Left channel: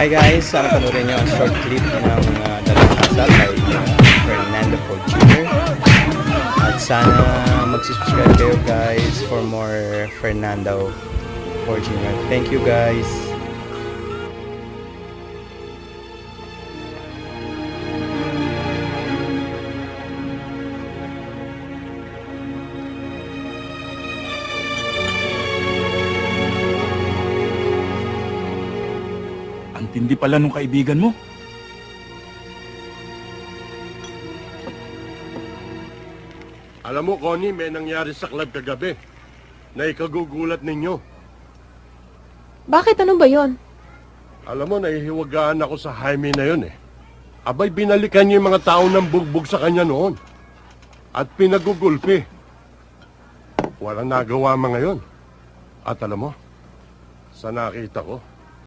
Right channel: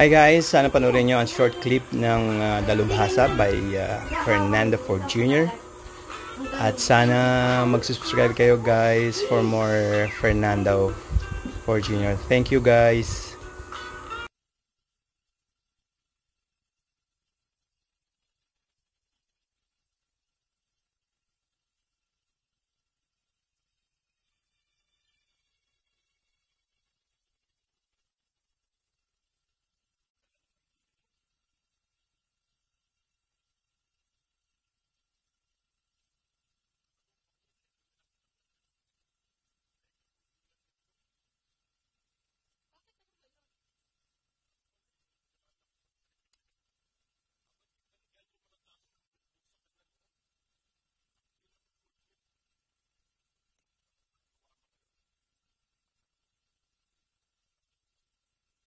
Hi guys, sana panoorin nyo ang short clip ng Dalubhasa by Fernando Ford Jr. At sana mag-subscribe kayo guys for more Fernando Ford Jr. Thank you guys. Ang tindi pala nung kaibigan mo. Alam mo, Connie, may nangyari sa club kagabi na ikagugulat ninyo. Bakit? Ano ba yon? Alam mo, nahihiwagaan ako sa Jaime na yun eh. Abay, binalikan niya yung mga tao ng bugbog sa kanya noon. At pinagugulpi. Walang nagawa mga yun. At alam mo, sa nakita ko,